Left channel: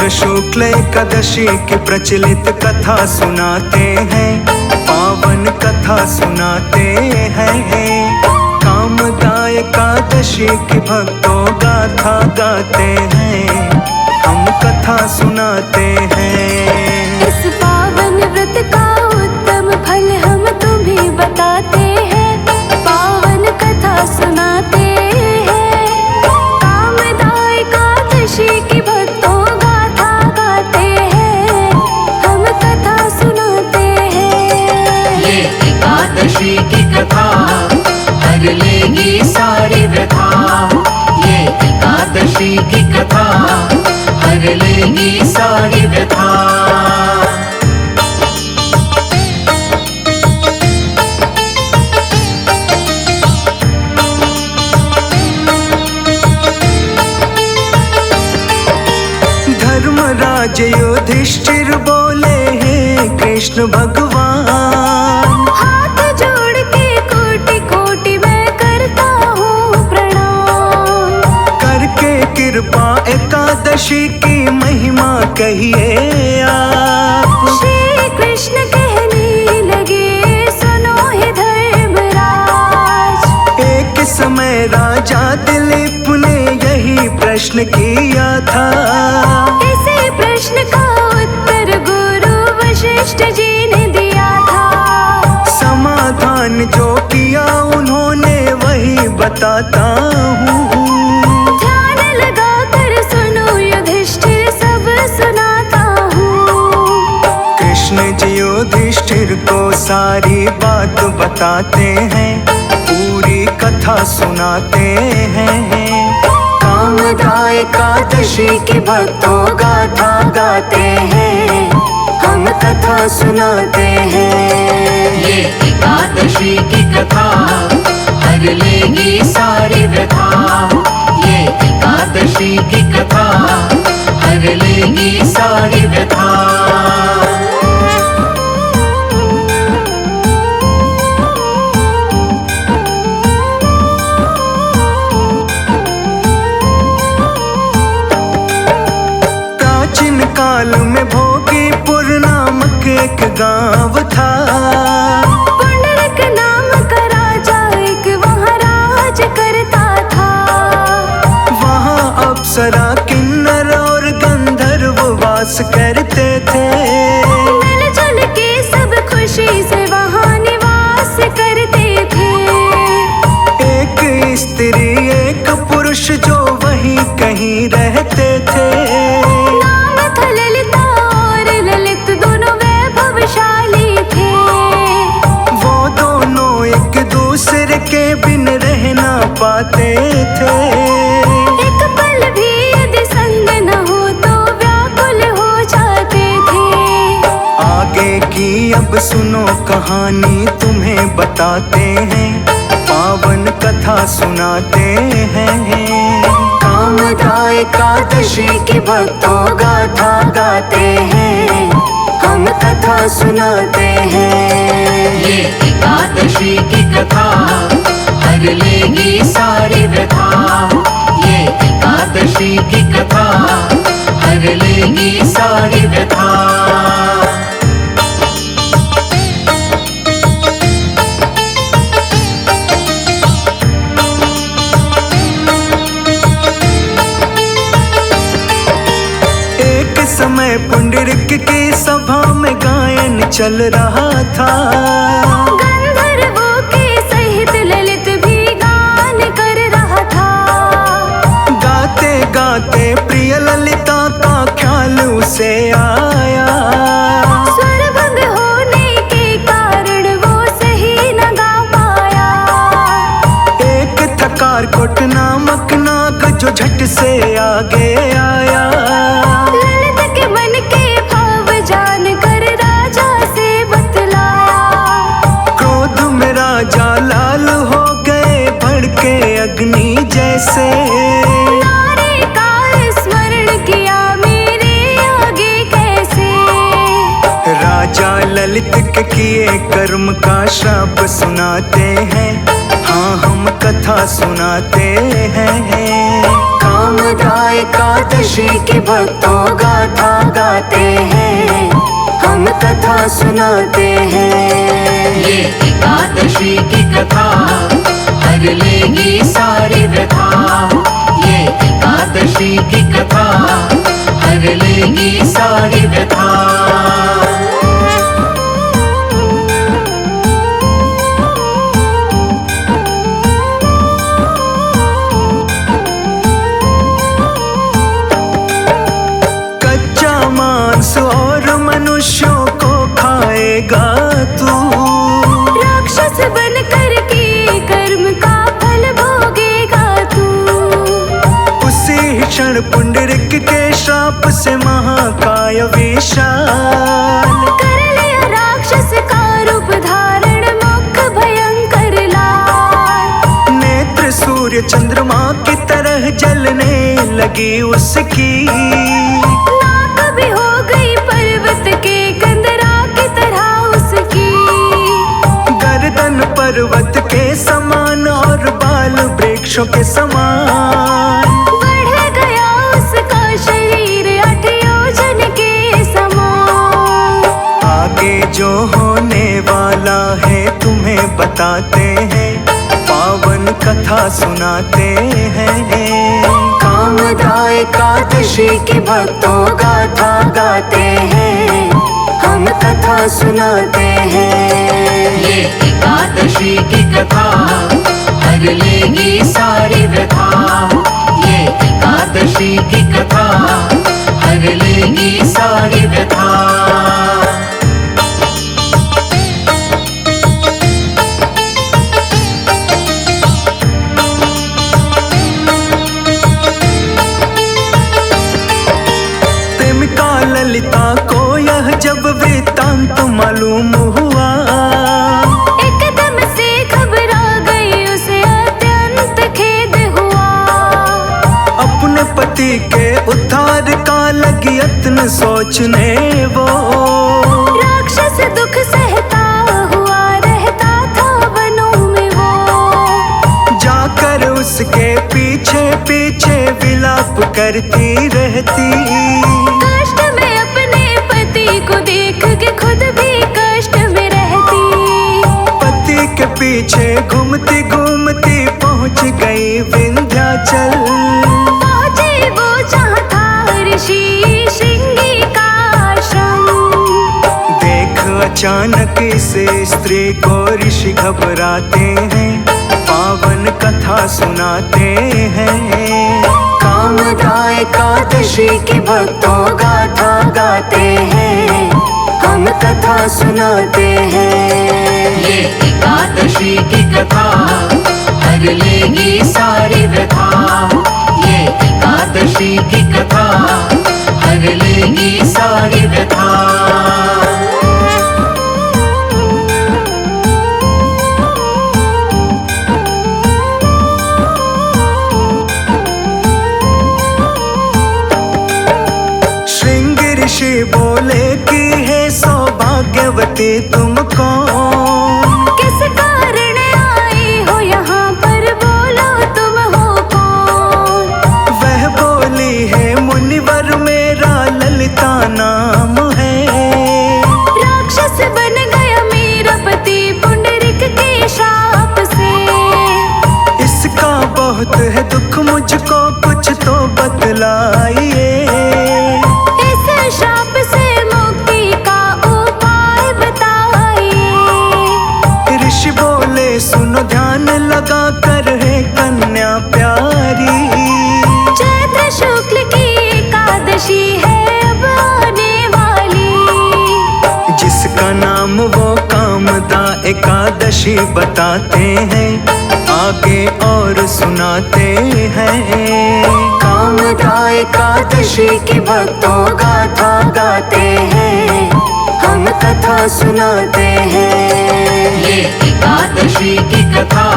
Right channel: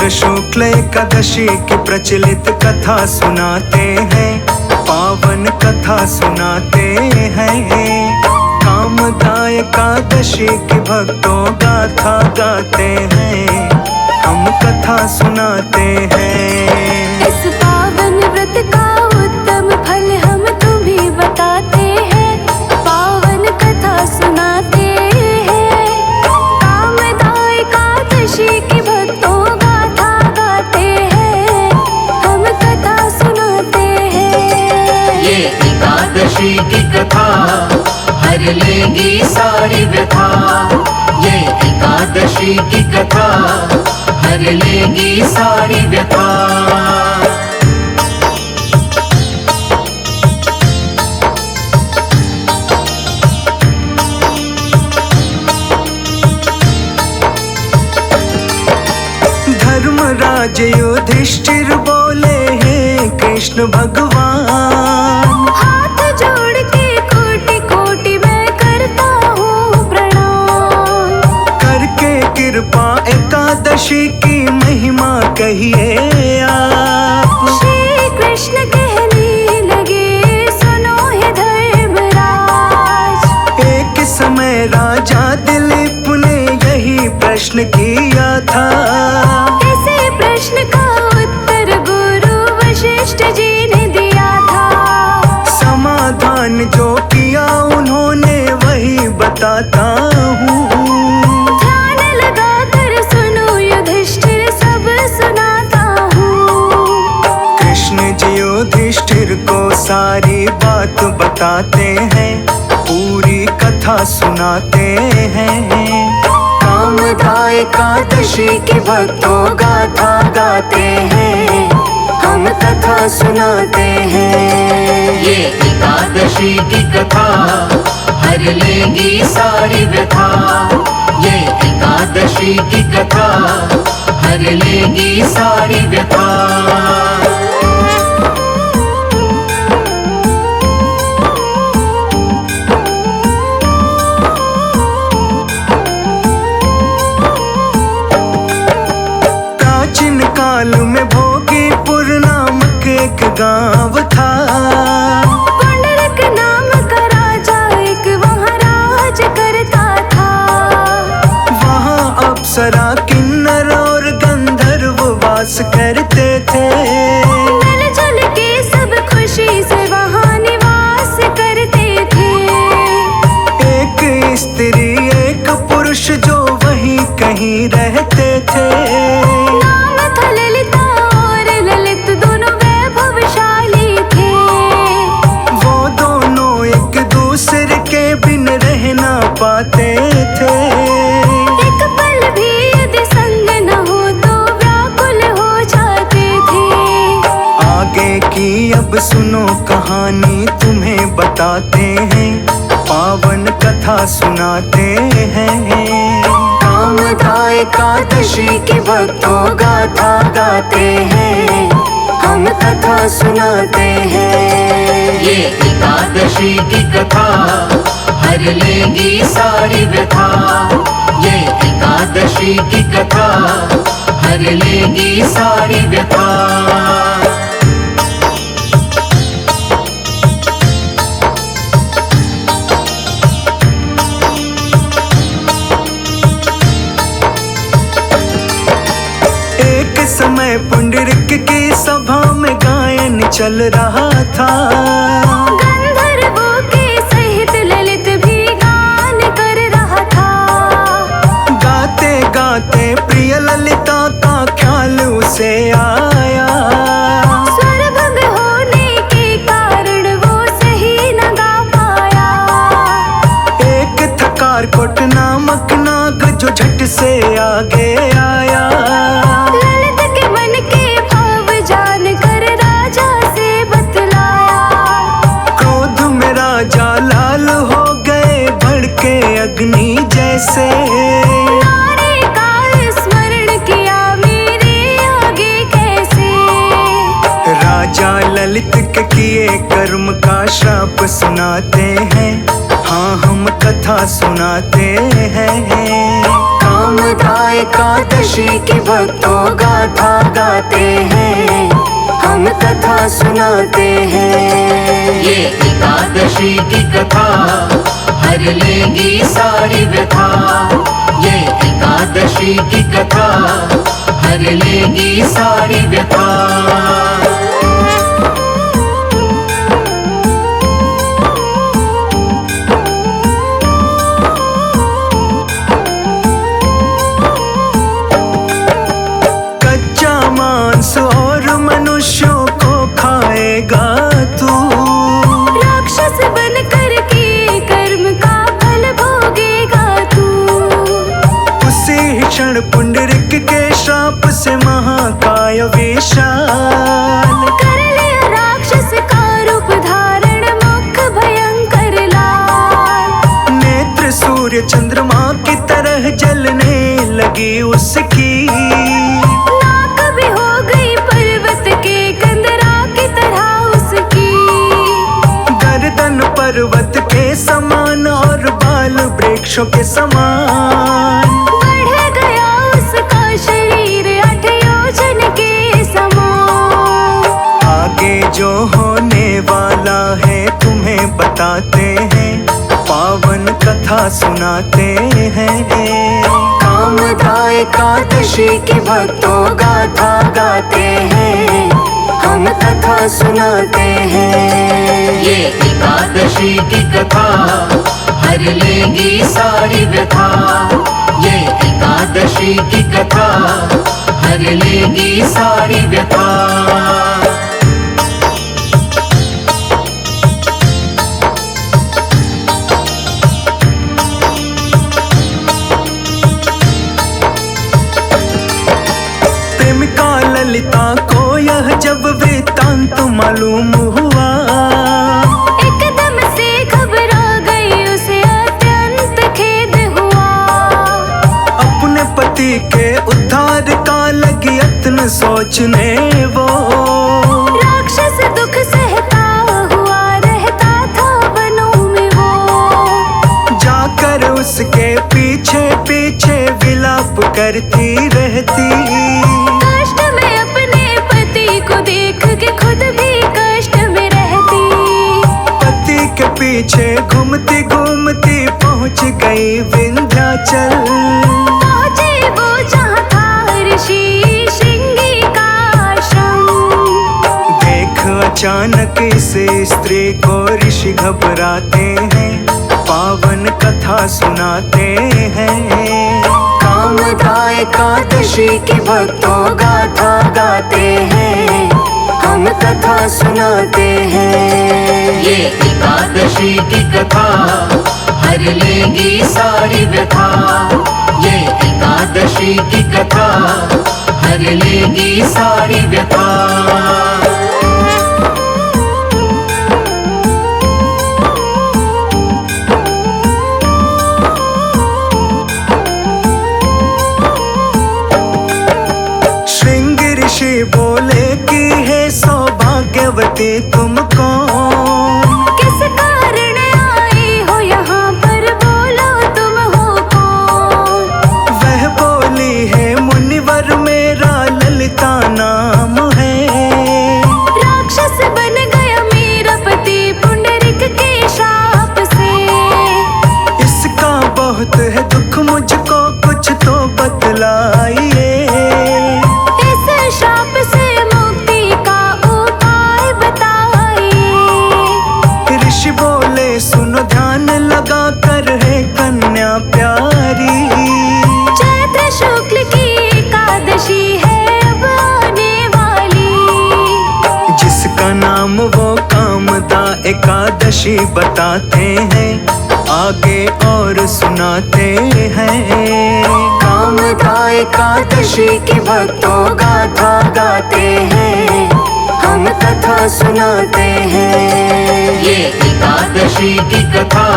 चैत्र शुक्ल एकादशी की प्रचलित कथा सुनाते हैं, पावन कथा सुनाते हैं। कामदाय एकादशी की भक्तों गाथा गाते हैं, हम कथा सुनाते हैं। इस पावन व्रत का उत्तम फल हम तुम्हें बताते हैं, पावन कथा सुनाते हैं। कामदाय एकादशी की भक्तों गाथा गाते हैं, हम कथा सुनाते हैं। ये एकादशी की कथा हर लेगी सारी व्यथा, ये एकादशी की कथा हर लेगी सारी व्यथा। धर्मराज युधिष्ठिर बोले हैं कृष्ण भगवान, हाथ जोड़ के कोटि कोटि मैं करता हूँ प्रणाम। करके कृपा एकादशी की महिमा कहिए आप। श्री कृष्ण कहने लगे सुनो हे धर्मराज। एक समय राजा दिलीप ने यही प्रश्न किया था, इसी प्रश्न का उत्तर गुरु वशिष्ठ जी ने दिया था। समाधान जो किया उन्होंने वही बताता हूँ। ध्यान लगा कर सुनो युधिष्ठिर सब सुनाता हूँ। कृष्ण जी युधिष्ठिर को सारी बात बताते हैं, पूरी कथा सुनाते हैं। कामदाय एकादशी की भक्तों गाथा गाते हैं, हम कथा सुनाते हैं। ये एकादशी की कथा हर लेगी सारी व्यथा, ये एकादशी की कथा हर लेगी सारी व्यथा। प्राचीन काल में भोगीपुर नामक एक गांव था, पुंडरीक नाम का राजा एक वहाँ राज करता था। वहाँ अप्सरा किन्नर और गंधर्व वास करते थे। मिलजुल के सब खुशी से वहाँ निवास करते थे। एक स्त्री एक पुरुष जो वहीं कहीं रहते थे। नाम था ललिता और ललित दोनों वैभवशाली थे। वो दोनों एक दूसरे के बिन रह ना पाते थे। एक पल भी यदि संग न हो तो व्याकुल हो जाते थे। आगे की अब सुनो कहानी तुम्हें बताते हैं, पावन कथा सुनाते हैं। कामदाय एकादशी की भक्तों गाथा गाते हैं, हम कथा सुनाते हैं। ये एकादशी की कथा हर लेगी सारी व्यथा, ये एकादशी की कथा हर लेगी सारी व्यथा। एक समय पुंडरीक की सभा में गायन चल रहा था। गंधर्वों के सहित ललित भी गान कर रहा था। गाते गाते प्रिय ललिता का ख्याल उसे आया। स्वरभंग होने के कारण वो सही न गा पाया। एक थकार कोट नामक नाग जो झट से आगे आया। ललित के मन के भाव जान कर राजा से बतलाया। क्रोध में राजा लाल हो गए, भड़के अग्नि जैसे। नारी का स्मरण किया मेरे आगे कैसे। राजा ललित के किए कर्म का श्राप सुनाते हैं, हाँ हम हम कथा सुनाते हैं। कामदा एकादशी की भक्तों गाथा गाते हैं, हम कथा सुनाते हैं। ये एकादशी की कथा हर लेगी सारी व्यथा। ये एकादशी की कथा हर लेगी सारी व्यथा। कच्चा मांस और मनुष्यों को खाएगा तू, राक्षस बनकर के कर्म का फल भोगेगा तू। उसी क्षण पुंडरीक के श्राप से महाकाय विशाल कर लिया राक्षस का रूप धारण, मुख भयंकर लाल। नेत्र सूर्य चंद्रमा की तरह जलने लगी उसकी, नाक भी हो गई पर्वत के कंदरा की तरह उसकी। गर्दन पर्वत के समान और बाल वृक्षों के समान, बढ़ गया उसका शरीर 8 योजन के समान। आगे जो होने वाला है तुम्हें बताते हैं, पावन कथा सुनाते हैं। कामदा एकादशी की भक्तों गाथा गाते हैं, हम कथा सुनाते हैं। ये एकादशी की कथा हर लेगी सारी व्यथा। ये एकादशी की कथा हर लेगी सारी व्यथा। प्रेमिका ललिता को यह जब वृत्तांत मालूम हुआ, एकदम से घबरा गई, उसे अत्यंत खेद हुआ। अपने पति के उद्धार का लगी यत्न सोचने वो, राक्षस दुख सहता हुआ रहता था वनों में वो। जाकर उसके पीछे पीछे विलाप करती रहती, कष्ट में अपने पति को देख के खुद भी कष्ट में रहती। पति के पीछे घूमती घूमती पहुंच गई विंध्याचल। पहुंचे वो जहाँ था ऋषि श्रृंगी का आश्रम। देख अचानक इस स्त्री को ऋषि घबराते हैं, पावन कथा सुनाते हैं। कामदा एकादशी की भक्तों गाथा गाते हैं, हम कथा सुनाते हैं। ये एकादशी की कथा हर लेगी सारी व्यथा। ये एकादशी की कथा हर लेगी सारी व्यथा। श्रृंगी ऋषि बोले कि हे सौभाग्यवती तुम कौन, किस कारण आई हो यहाँ पर, बोलो तुम हो कौन। वह बोली है मुनिवर मेरा ललिता नाम है। राक्षस बन गया मेरा पति पुंडरीक के शाप से। इसका बहुत है दुख मुझको कुछ तो बतलाइए, इस शाप से मुक्ति का उपाय बताइए। ऋषि बोले सुनो ध्यान लगा कर है कन्या प्यारी, चैत्र शुक्ल की एकादशी है अब आने वाली। जिसका नाम वो कामदा एकादशी बताते हैं, आगे और सुनाते हैं। कामदा एकादशी की भक्तों गाथा गाते हैं, हम कथा सुनाते हैं। ये एकादशी की कथा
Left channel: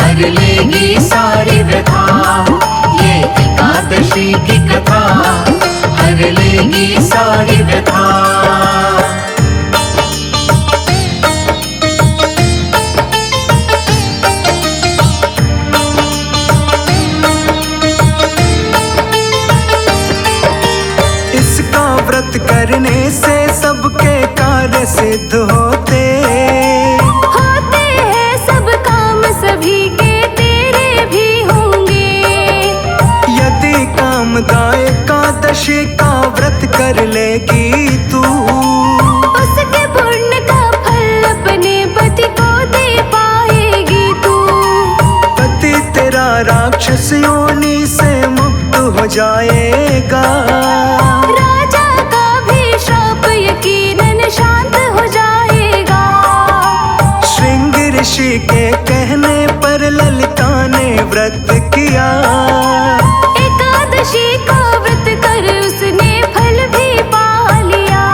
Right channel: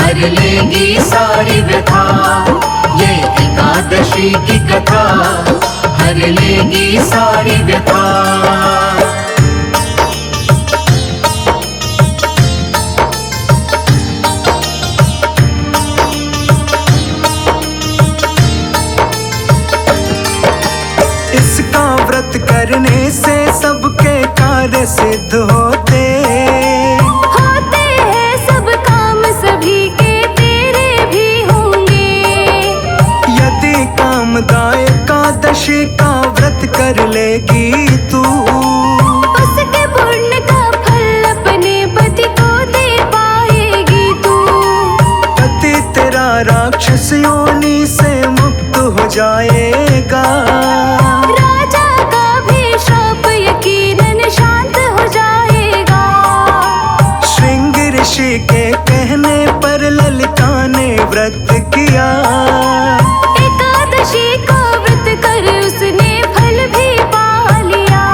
हर लेगी सारी व्यथा। ये एकादशी की कथा हर लेगी सारी व्यथा। करने से सबके कार्य सिद्ध होते हैं सब काम सभी के तेरे भी होंगे। यदि कामदा एकादशी का व्रत कर लेगी तू, उसके पुण्य का फल अपने पति को दे पाएगी तू। पति तेरा राक्षस योनि से मुक्त हो जाएगा, राजा का भी श्राप यकीनन शांत हो जाएगा। श्रृंग ऋषि के कहने पर ललिता ने व्रत किया, एकादशी का व्रत कर उसने फल भी पा लिया।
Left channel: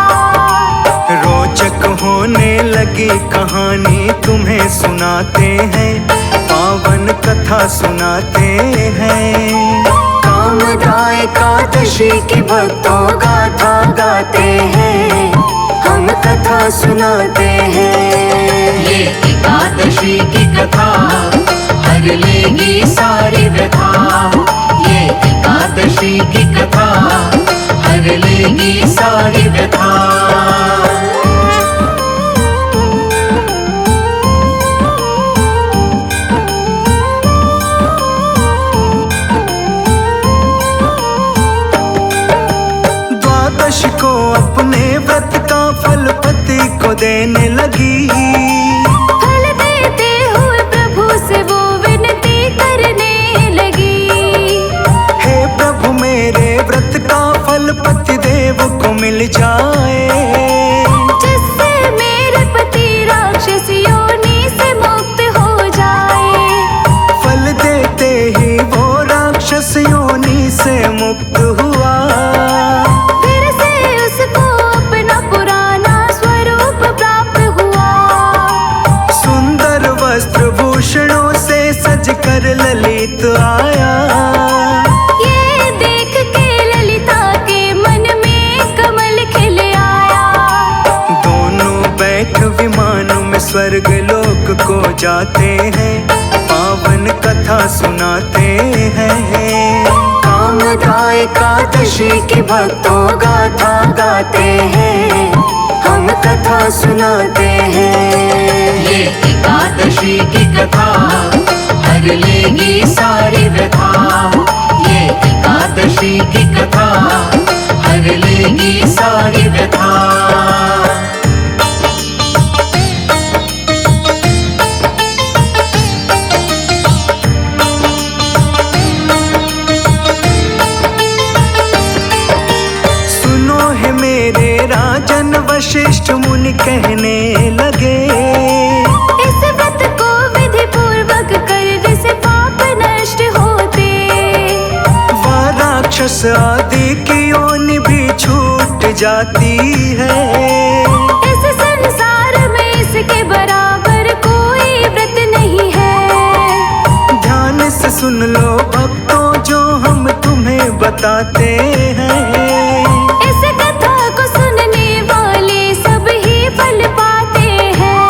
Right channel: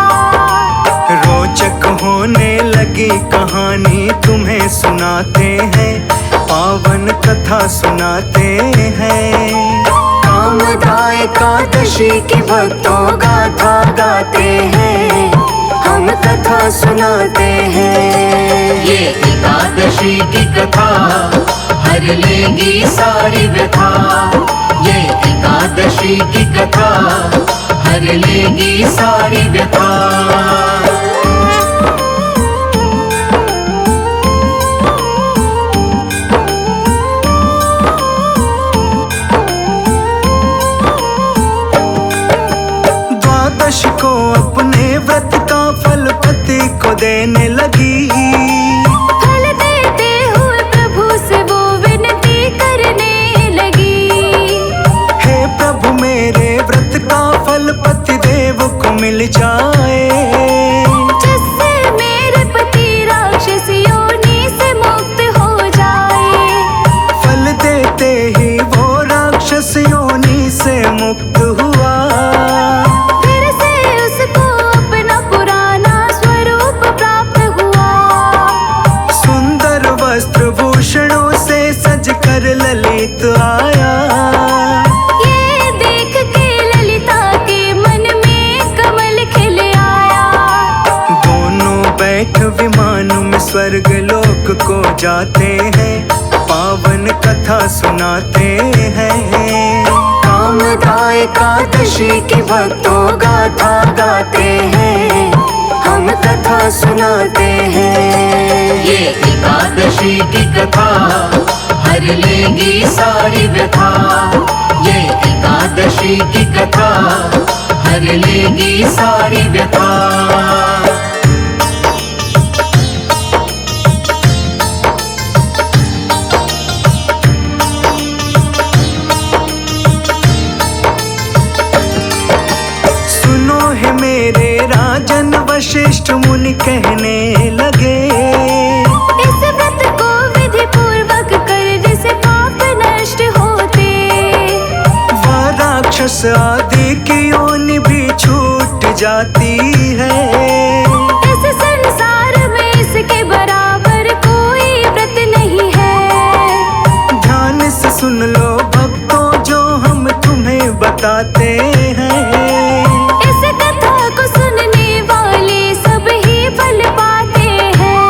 रोचक होने लगी कहानी तुम्हें सुनाते हैं, पावन कथा सुनाते हैं। कामदा एकादशी की भक्तों गाथा गाते हैं, हम कथा सुनाते हैं। ये एकादशी की कथा हर लेगी सारी व्यथा। ये एकादशी की कथा हर लेगी सारी व्यथा। द्वादश को अपने व्रत का फल पति को देने लगी, फल देते हुए प्रभु से वो विनती करने लगी। हे प्रभु मेरे व्रत का फल पति देव को मिल जाए, जिससे मेरे पति राक्षस योनि से मुक्त हो जाए। फल देते ही वो राक्षस योनि से मुक्त हुआ, फिर से उसको अपना पुराना स्वरूप प्राप्त हुआ। सुंदर वस्त्र भूषणों से सज कर ललित आया, ये देख के ललिता के मन में कमल खिल आया। दोनों बैठ विमान में स्वर्ग लोक को जाते हैं, पावन कथा सुनाते हैं। कामदा एकादशी की भक्तों गाथा गाते हैं, हम कथा सुनाते हैं। ये एकादशी की कथा हर लेगी सारी व्यथा। ये एकादशी की कथा हर लेगी सारी व्यथा। सुनो है मेरे राजन वशिष्ठ मुनि कहने लगे, इस व्रत को विधि पूर्वक करने से पाप नष्ट होते। वह राक्षस आदि की योनि भी छूट जाती है, इस संसार में इसके बराबर कोई व्रत नहीं है। ध्यान से सुन लो भक्तों जो हम तुम्हें बताते हैं, इस कथा को सुनने वाले सब ही फल पाते हैं।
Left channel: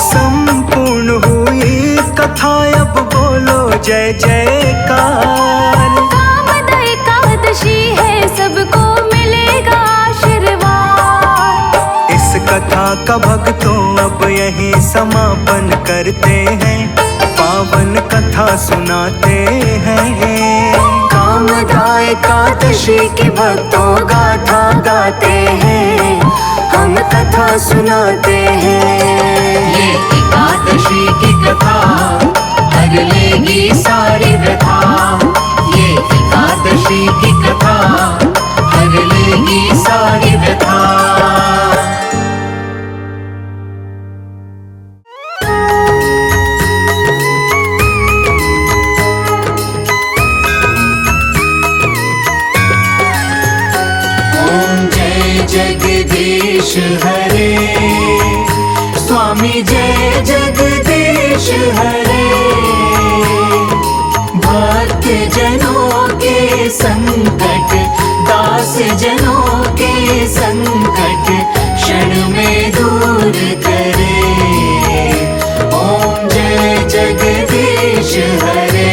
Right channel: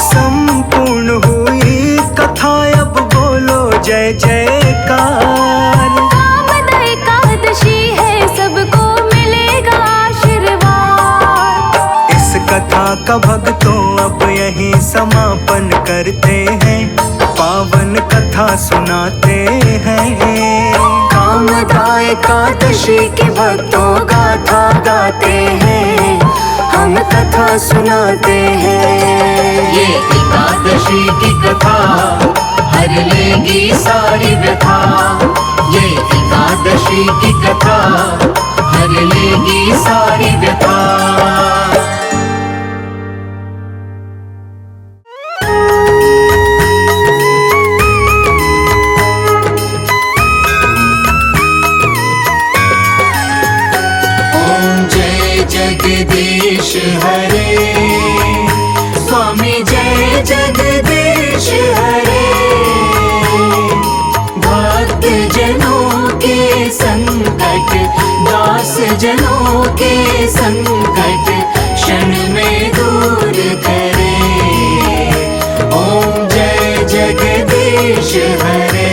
संपूर्ण हुई कथा अब बोलो जय जयकार। कामदा एकादशी है सबको मिलेगा आशीर्वाद। इस कथा का भक्तों अब यहीं समापन करते हैं, पावन कथा सुनाते हैं। कामदा एकादशी की भक्तों गाथा गाते हैं, हम कथा सुनाते हैं। ये एकादशी की कथा हर लेगी सारी व्यथा। ये एकादशी की कथा हर लेगी सारी व्यथा। जगदीश हरे स्वामी जय जगदीश हरे। भक्त जनों के संकट दास जनों के संकट क्षण में दूर करे। ओम जय जगदीश हरे।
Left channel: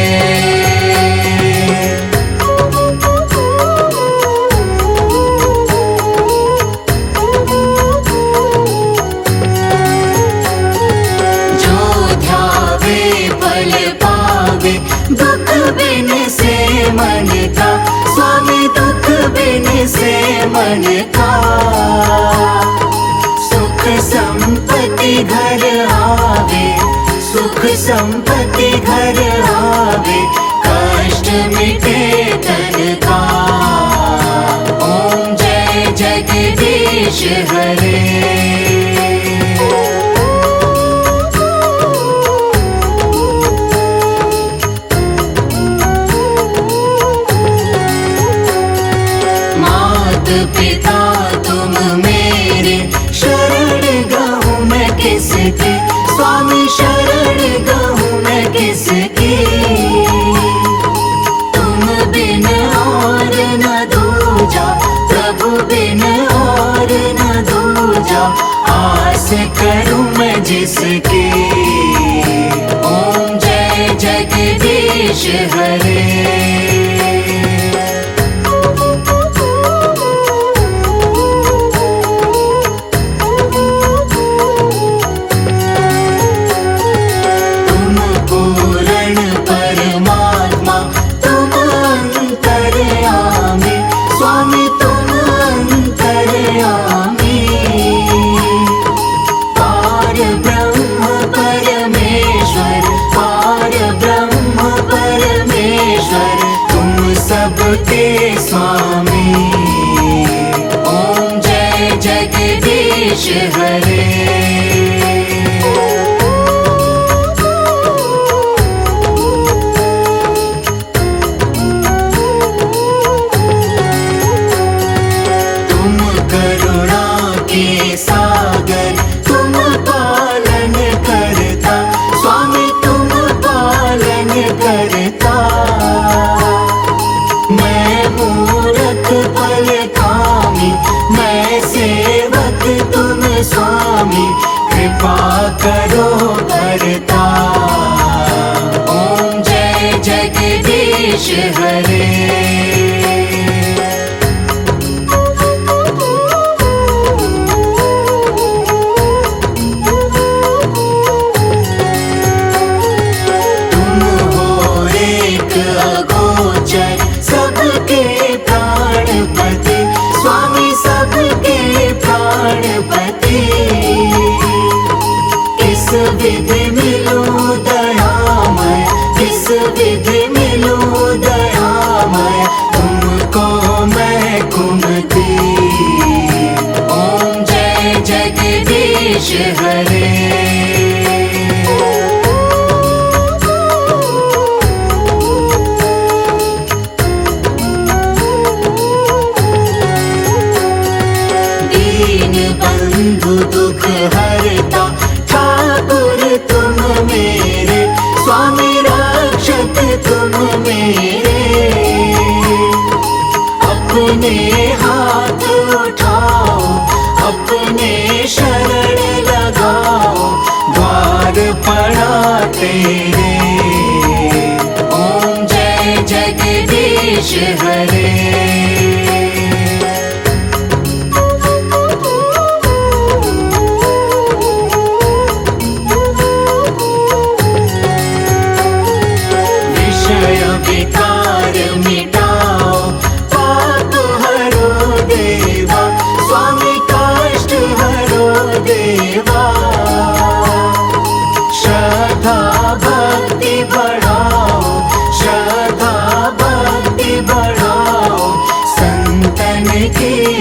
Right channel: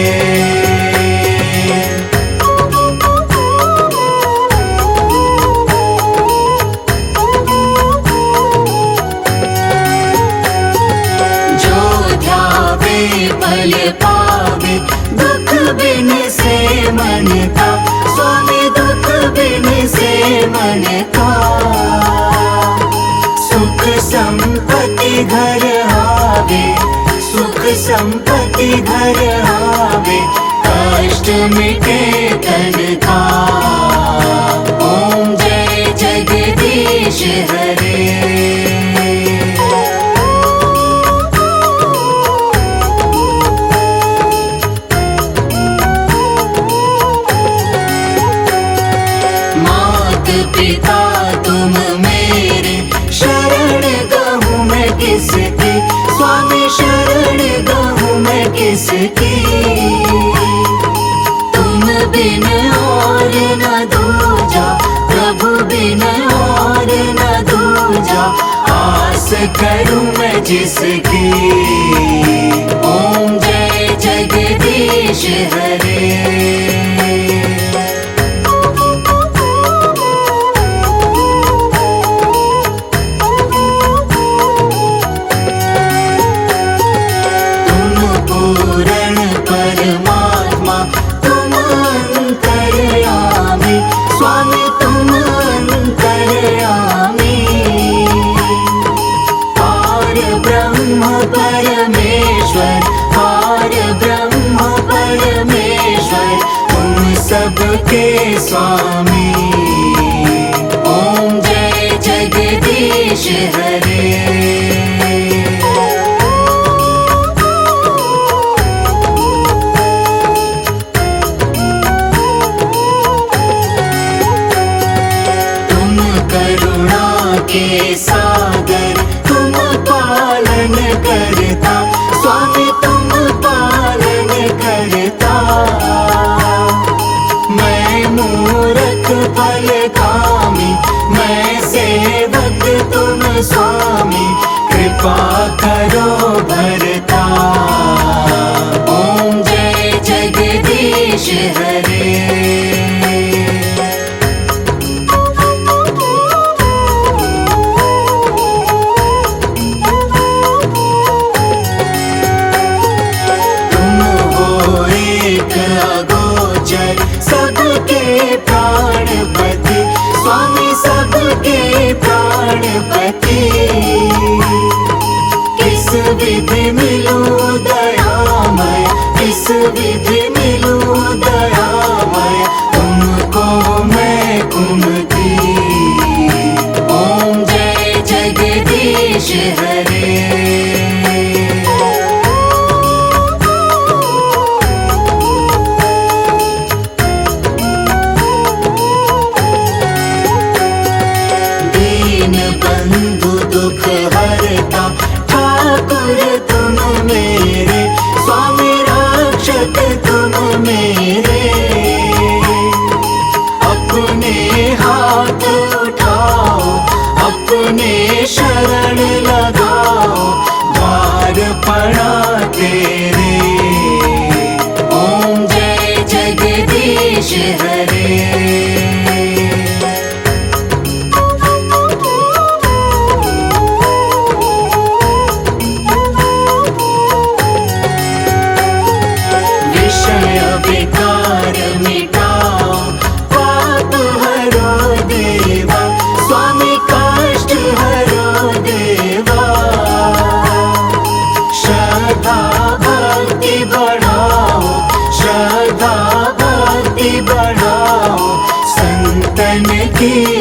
संपत्ति घर आवे, कष्ट मिटे करता। ओम जय जगदीश हरे। पिता तुम मेरे, शरण गहूँ मैं किसकी, स्वामी शरण गहूँ मैं किसकी। तुम बिन और न दूजा, प्रभु बिन और न दूजा, आस करूँ मैं जिसकी। ओम जय जगदीश हरे। स्वामी ओम जय जगदीश हरे। तुम करुणा के सागर, तुम पालन करता, स्वामी तुम पालन करता। मूरत फल कामी, मैं सेवक तुम स्वामी, कृपा करो भरता। ओम जय जगदीश हरे।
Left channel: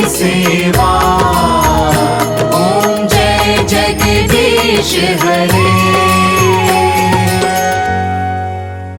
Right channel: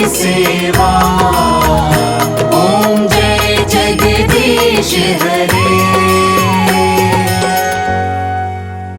सेवा ओम जय जगदीश हरे।